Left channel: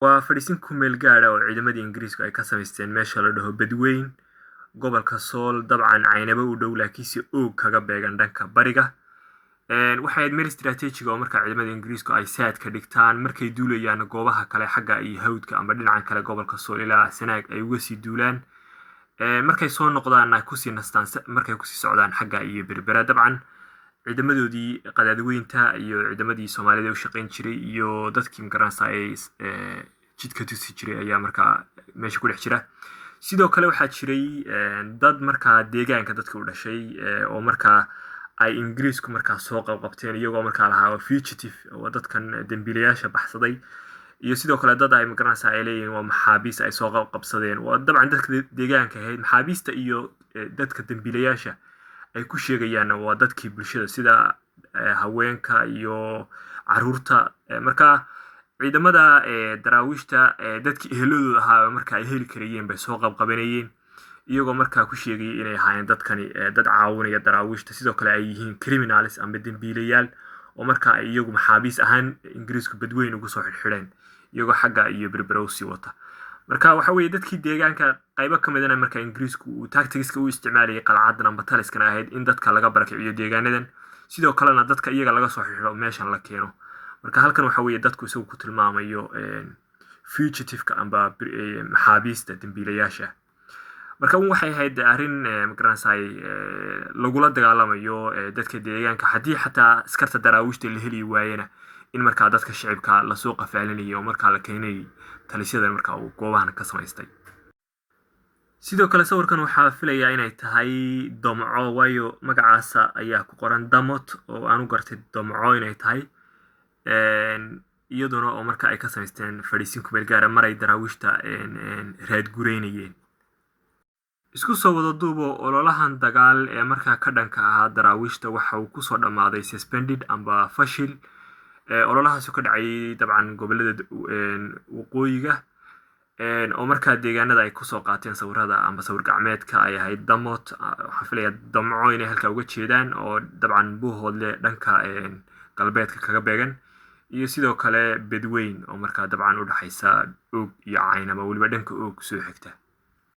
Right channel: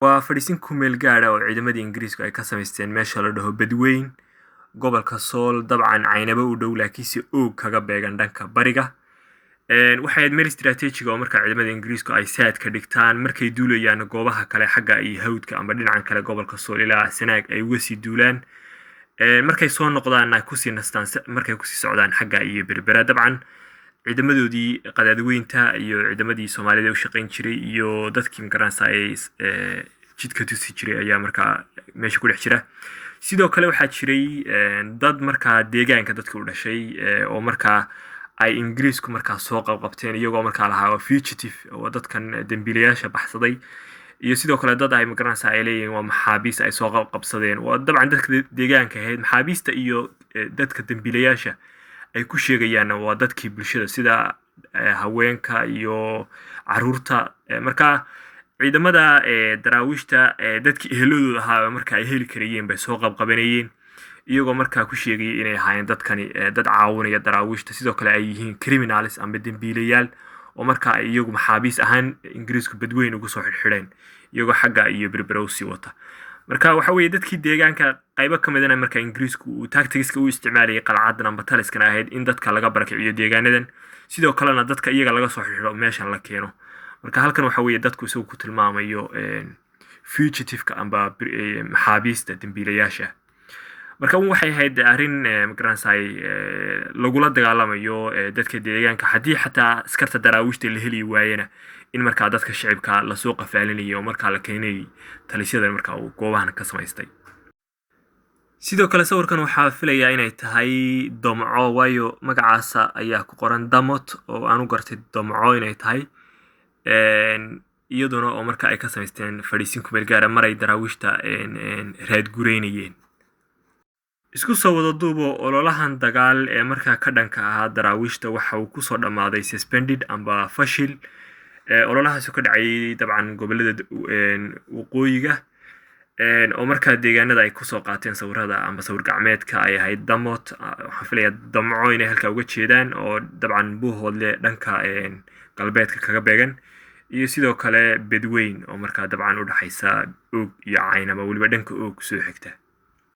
waa fadhiisin ku meel gaara oo ciidamadii Ingiriisku ay ka samaysteen meesha la dhaho Badweyn, gobolka Sool, dabcan Caynaba u dhow laakiinse oog kaga beegan dhanka bariga. Waxay ahayd meel istiraatiijiga oo markaa ciidamada Ingiriisku ay saad ka dhigtaan markay duulayaan goobaha kale xagga iyo hawdka ama dhinacan kale gobolka Sool ilaa Sanaag ay uga sii duulaan. Markay soo noqdaan ay kusii nastaan markay kusii socdaan xagga iyo Berbera dabcan ciidamadoodii qadaadweynta iyo ciidamadii Soomaalida u shaqayn jiray iyo dadkii magaranaysa ay jidka tusi jiray ayaa markaa meesha ku dhex jira. Sidoo kale waxaa jiray dad markaa deegaanka dadka u dhashay oo markaa ay Ingiriisku markaa soo qabqabteen iyagoo markaa lahaa fugitive oo dadkan dambiilayaasha baxsaday iyo sidoo kale dad ay magaranaysa ay leeyihiin waa maxaabiis ay soo qabsadeen. waa dabcan dadka deegaanka ahayd maxaabiista iyo dadka dambiilayaasha ay ku sheegayaan waa dadkii bulshada sida haweenka iyo caruurta. Markaa ciidamada daraawiishta dadkii eheladooda ahaa markaa ay heli karayeen bay soo qabqabanayeen iyagoo markaa ku sheegayay inay ahaayeen dadkani dad caawinaya daraawiishta sidoo kale ay yihiin criminals ama dambiilayaal oo markaa ay iyagu maxaabiis ahaan Ingiriisku Badweyn ugu soo xidhxidheen iyagoo xagga iyo Berbera u sii wata. marka waxa weeye dadkii deegaanka qaybo ka midana markaa Ingiriisku uu tactics-ka u isticmaalayay qalcadan amba taliskana ahayd in dadka laga barakiciyo deegaanadan sidoo kalena dadka iyaga laga soo xidho meeshan la keeno. marka halkan waxa weeye dadku isagu ku tilmaamayo fugitive-ka amba maxaabiista dambiilayaasha. marka waxay ahayd arrin magaranaysa lagula dagaalamayo dadka deegaanka haddii xataa askarta daraawiishta la heli waayana in markaa dadka shacibka la soo qafaalinayo oo markaa la keenay talisyada markaa uu goobahan ka samaystay. sidoo kale sawirkan waxaa filayaa inay tahay Damco waayo magacaasa ayaa ku qoran Damot oo aan u gartay Damco inay tahay iyaduna oo markaa ay ka samaysteen fadhiisin ku meel gaara maray daraawiishta raad gureynayeen. isku soo wada duubo ololahan dagaal ee markaa ka dhanka ahaa daraawiishta waxa uu ku soo dhamaaday suspended amba fashil. ololahaas ka dhacay dabcan gobolada waqooyiga oo markaa deegaanada ay ku soo qaateen sawirada amba sawir gacmeedka ay ahayd Damot. waxaan filayaa Damco inay halka uga jeedaan oo dabcan buuhoodle dhanka galbeedka kaga beegan iyo sidoo kale Badweyn oo markaa dabcan u dhaxaysa oog iyo Caynaba waliba dhanka oog soo xigta.